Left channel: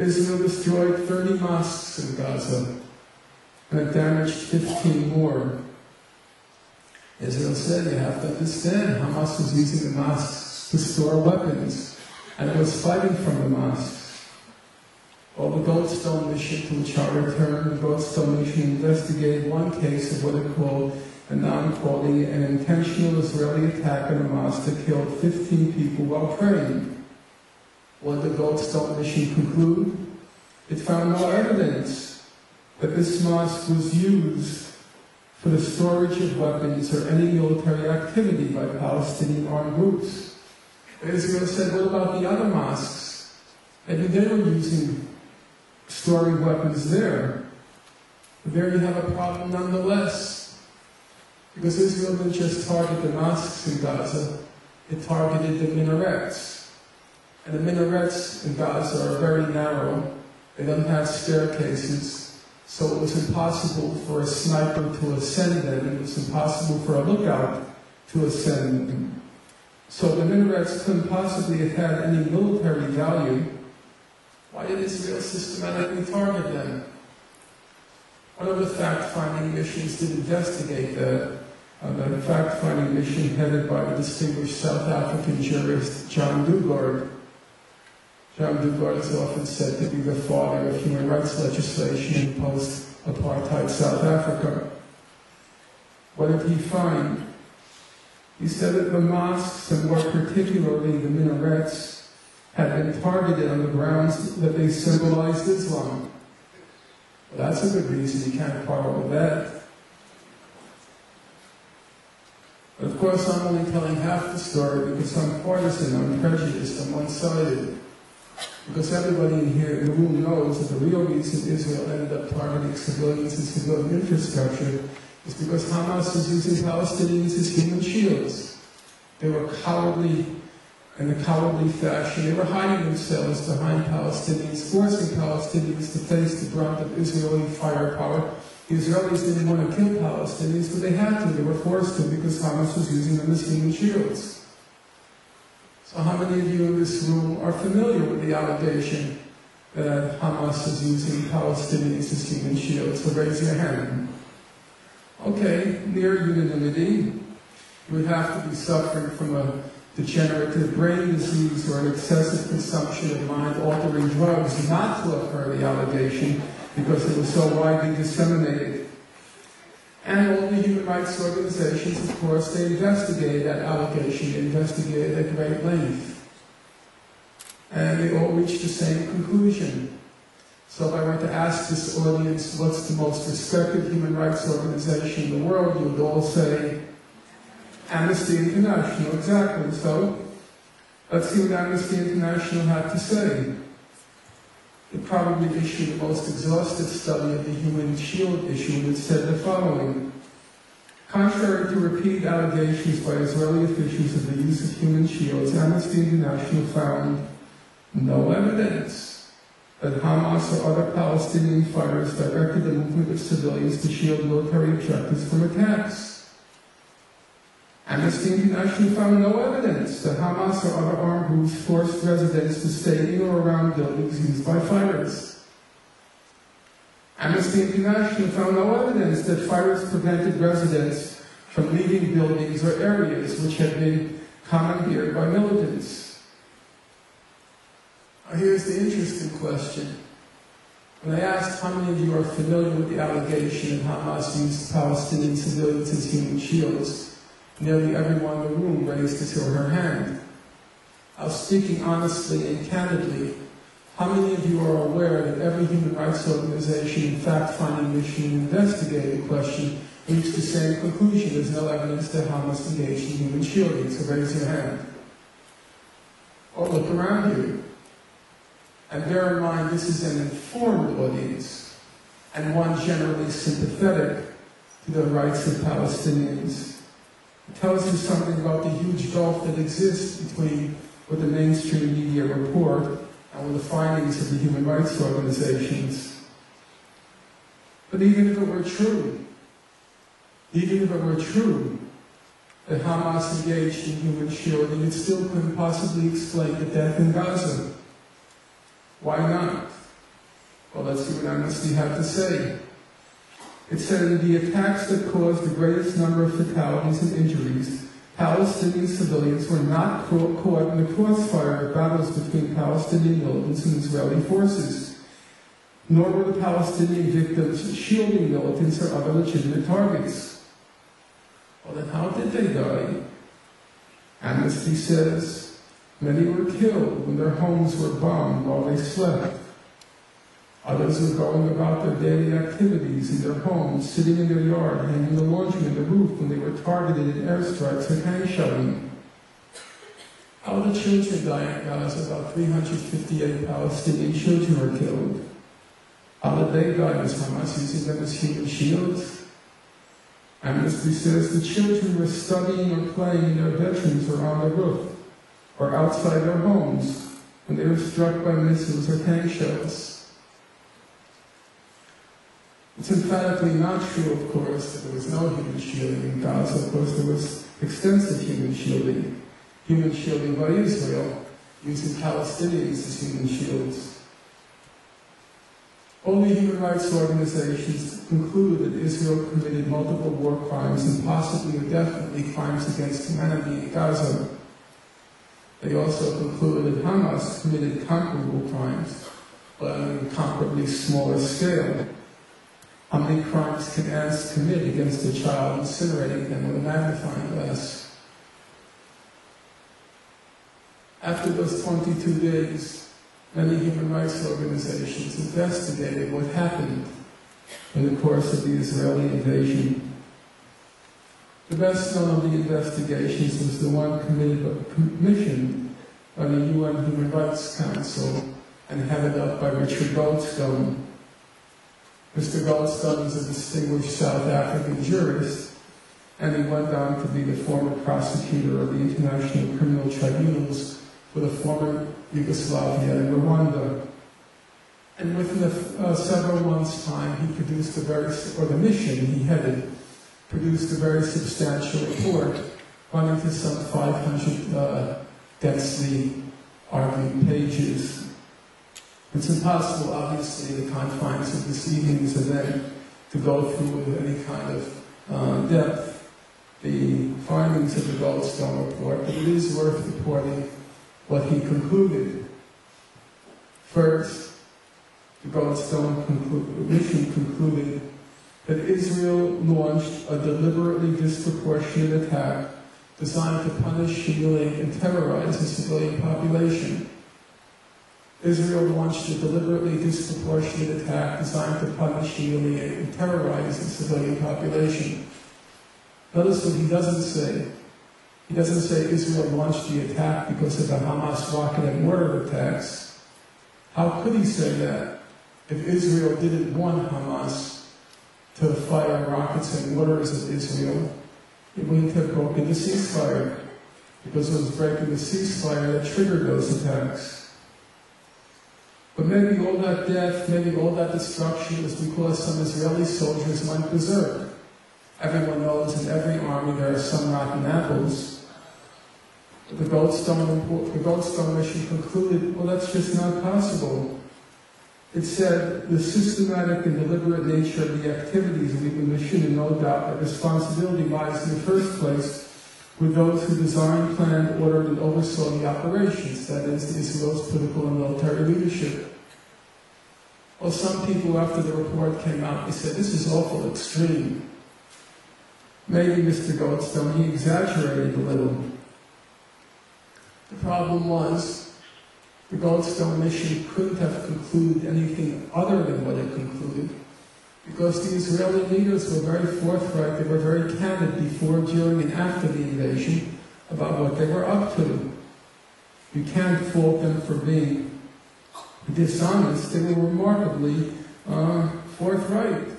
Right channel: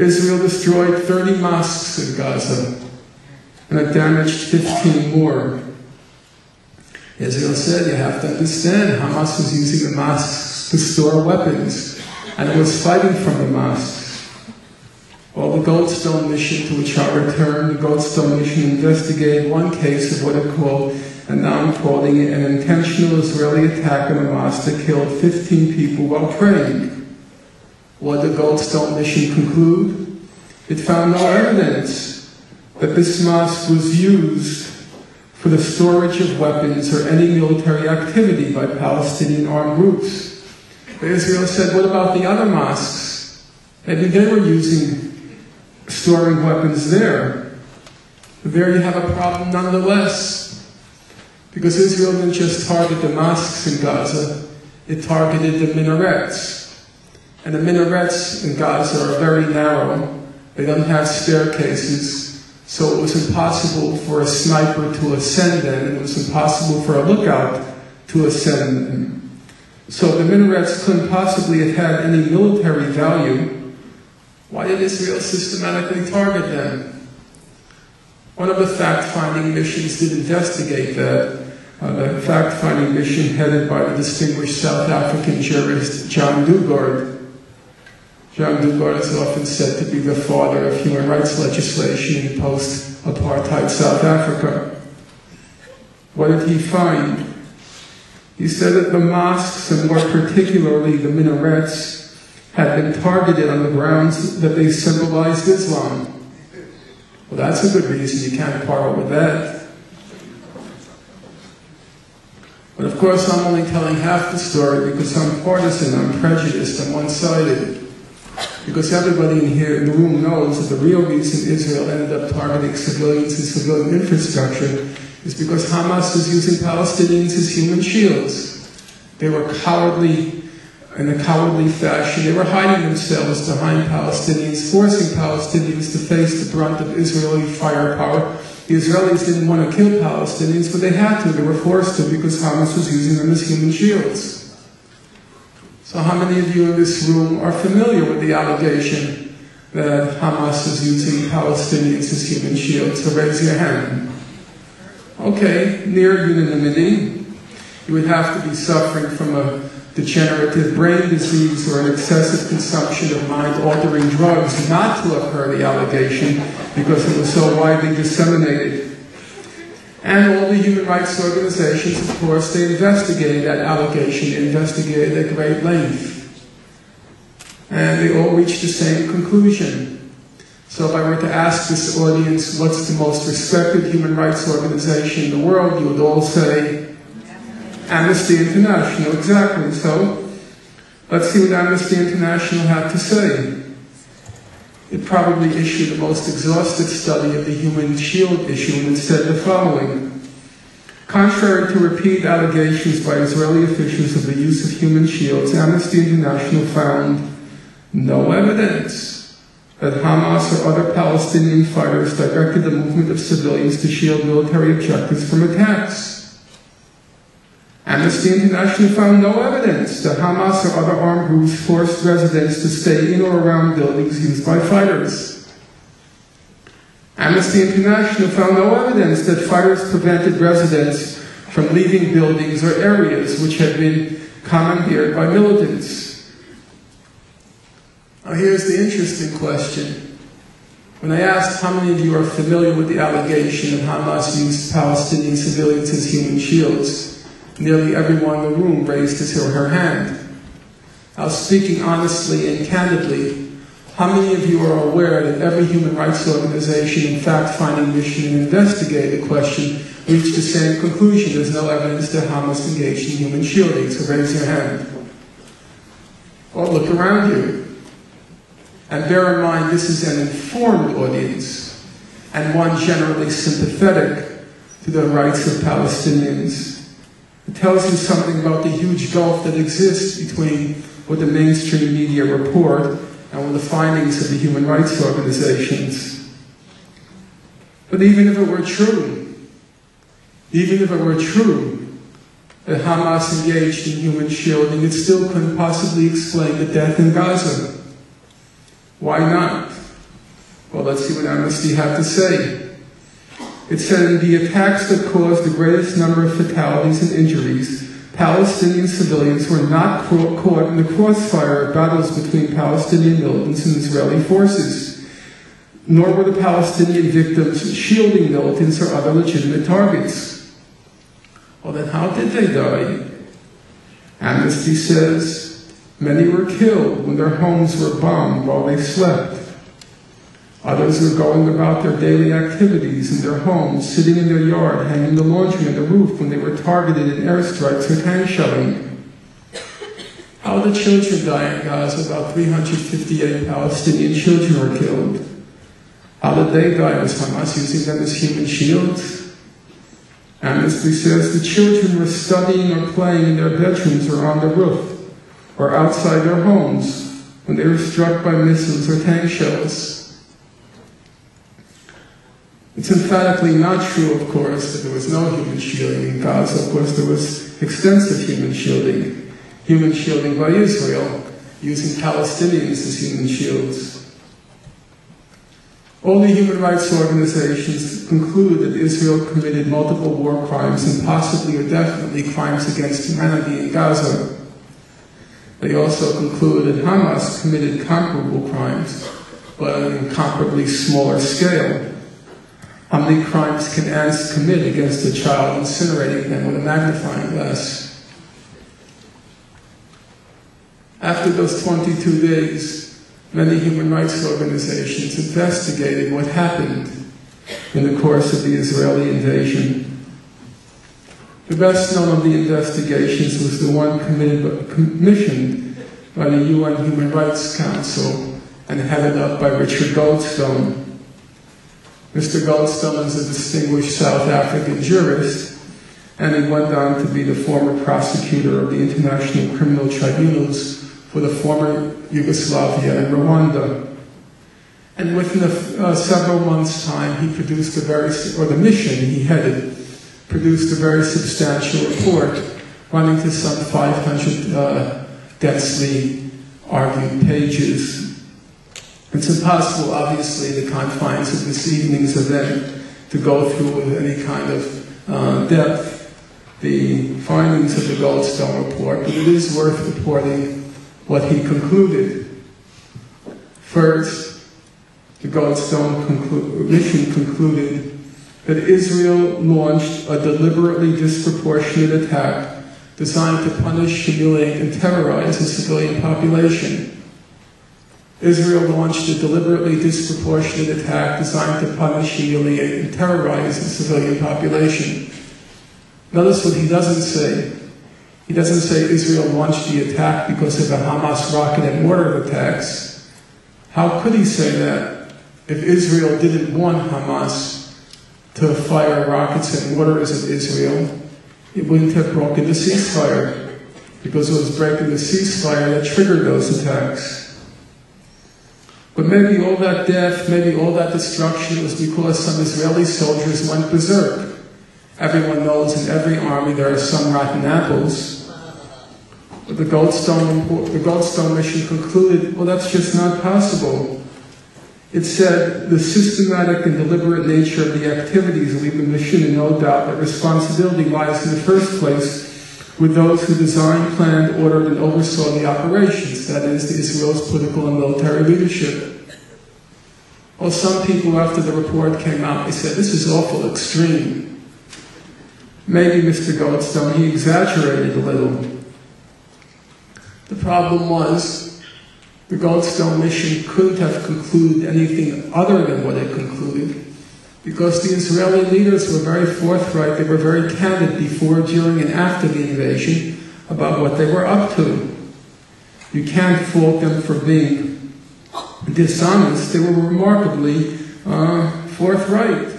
Israel destroyed 30 mosques in Gaza, and it damaged 15 more. Israel said, you have to understand, Hamas was using the mosques to store weapons, and it was fighting from the mosques. Well, the Goldstone mission, to which I returned, the Goldstone mission investigated one case of what it called, and now I'm calling it, an intentional Israeli attack on a mosque that killed 15 people while praying. What did the Goldstone mission conclude? It found no evidence that this mosque was used for the storage of weapons or any military activity by Palestinian armed groups. But Israel said, what about the other mosques? Maybe they were storing weapons there. But there you have a problem nonetheless, because Israel didn't just target the mosques in Gaza, it targeted the minarets. And the minarets in Gaza are very narrow. They don't have staircases, so it was impossible for a sniper to ascend them, and it was impossible for a lookout to ascend them. So the minarets couldn't possibly have had any military value. Why did Israel systematically target them? One of the fact-finding missions did investigate that. The fact-finding mission headed by the distinguished South African jurist John Dugard. John Dugard is often said to be the father of human rights legislation in post-apartheid South Africa. What did he find? He said that the mosques, and more particularly the minarets, had been targeted on the grounds that they symbolized Islam. Well, that's a good reason. You can't quarrel with that. But of course, I'm only telling half the story because I'm partisan, I'm prejudiced, I'm one-sided. Because everybody in the room knows that the real reason Israel ended up targeting civilians and civilian infrastructure is because Hamas was using Palestinians as human shields. They were cowardly, in a cowardly fashion. They were hiding themselves behind Palestinians, forcing Palestinians to face the brunt of Israeli firepower. The Israelis didn't want to kill Palestinians, but they had to. They were forced to because Hamas was using them as human shields. So how many of you in this room are familiar with the allegation that Hamas is using Palestinians as human shields? So raise your hand. Okay, near unanimity. You would have to be suffering from a degenerative brain disease or an excessive consumption of mind-altering drugs not to have heard the allegation because it was so widely disseminated. And all the human rights organizations, of course, they investigated that allegation, they investigated at great length. And they all reached the same conclusion. So if I were to ask this audience, what's the most respected human rights organization in the world, you would all say, Amnesty International, exactly. So let's see what Amnesty International had to say. It probably issued the most exhaustive study of the human shield issue, and it said the following. Contrary to repeated allegations by Israeli officials of the use of human shields, Amnesty International found no evidence that Hamas or other Palestinian fighters directed the movement of civilians to shield military objectives from attacks. Amnesty International found no evidence that Hamas or other armed groups forced residents to stay in or around buildings used by fighters. Amnesty International found no evidence that fighters prevented residents from leaving buildings or areas which had been commandeered by militants. Now here's the interesting question. When I asked how many of you are familiar with the allegation that Hamas used Palestinian civilians as human shields, nearly everyone in the room raised his or her hand. Now, speaking honestly and candidly, how many of you are aware that every human rights organization and fact-finding mission and investigated the question reached the same conclusion? There's no evidence that Hamas engaged in human shielding, so raise your hand. Or look around you. And bear in mind, this is an informed audience, and one generally sympathetic to the rights of Palestinians. It tells you something about the huge gulf that exists between what the mainstream media report and what the findings of the human rights organizations. But even if it were true that Hamas engaged in human shielding, it still couldn't possibly explain the death in Gaza. Why not? let's see what Amnesty had to say. It said, in the attacks that caused the greatest number of fatalities and injuries, Palestinian civilians were not caught in the crossfire of battles between Palestinian militants and Israeli forces, nor were the Palestinian victims shielding militants or other legitimate targets. Well, then how did they die? Amnesty says, many were killed when their homes were bombed while they slept. Others were going about their daily activities in their homes, sitting in their yard, hanging the laundry on the roof when they were targeted in airstrikes or tank shelling. How did children die in Gaza? About 358 Palestinian children were killed. How did they die? Was Hamas using them as human shields? Amnesty says the children were studying or playing in their bedrooms or on the roof, or outside their homes when they were struck by missiles or tank shells. It's emphatically not true, of course, that there was no human shielding in Gaza. Of course, there was extensive human shielding by Israel, using Palestinians as human shields. All the human rights organizations conclude that Israel committed multiple war crimes and possibly or definitely crimes against humanity in Gaza. They also conclude that Hamas committed comparable crimes, but on an incomparably smaller scale. How many crimes can ants commit against a child, incinerating them with a magnifying glass? After those 22 days, many human rights organizations investigated what happened in the course of the Israeli invasion. The best known of the investigations was the one commissioned by the UN Human Rights Council and headed up by Richard Goldstone. Mr. Goldstone is a distinguished South African jurist, and he went on to be the former prosecutor of the International Criminal Tribunals for the former Yugoslavia and Rwanda. And within several months' time, he produced the mission he headed, produced a very substantial report, running to some 500 densely argued pages. It's impossible, obviously, in the confines of this evening's event, to go through with any kind of depth the findings of the Goldstone Report, but it is worth reporting what he concluded. First, the Goldstone mission concluded that Israel launched a deliberately disproportionate attack designed to punish, humiliate, and terrorize the civilian population. Israel launched a deliberately disproportionate attack designed to punish, humiliate, and terrorize the civilian population. Notice what he doesn't say. He doesn't say Israel launched the attack because of the Hamas rocket and mortar attacks. How could he say that if Israel didn't want Hamas to fire rockets and mortars at Israel? It wouldn't have broken the ceasefire, because it was breaking the ceasefire that triggered those attacks. But maybe all that death, maybe all that destruction was because some Israeli soldiers went berserk. Everyone knows in every army there are some rotten apples. But the Goldstone mission concluded, well, that's just not possible. It said the systematic and deliberate nature of the activities leave the mission in no doubt that responsibility lies in the first place with those who designed, planned, ordered, and oversaw the operations, that is, the Israel's political and military leadership. Well, some people, after the report came out, they said, this is awful extreme. Maybe Mr. Goldstone, he exaggerated a little. The problem was, the Goldstone mission couldn't have concluded anything other than what it concluded, because the Israeli leaders were very forthright, they were very candid before, during, and after the invasion about what they were up to. You can't fault them for being dishonest. They were remarkably forthright.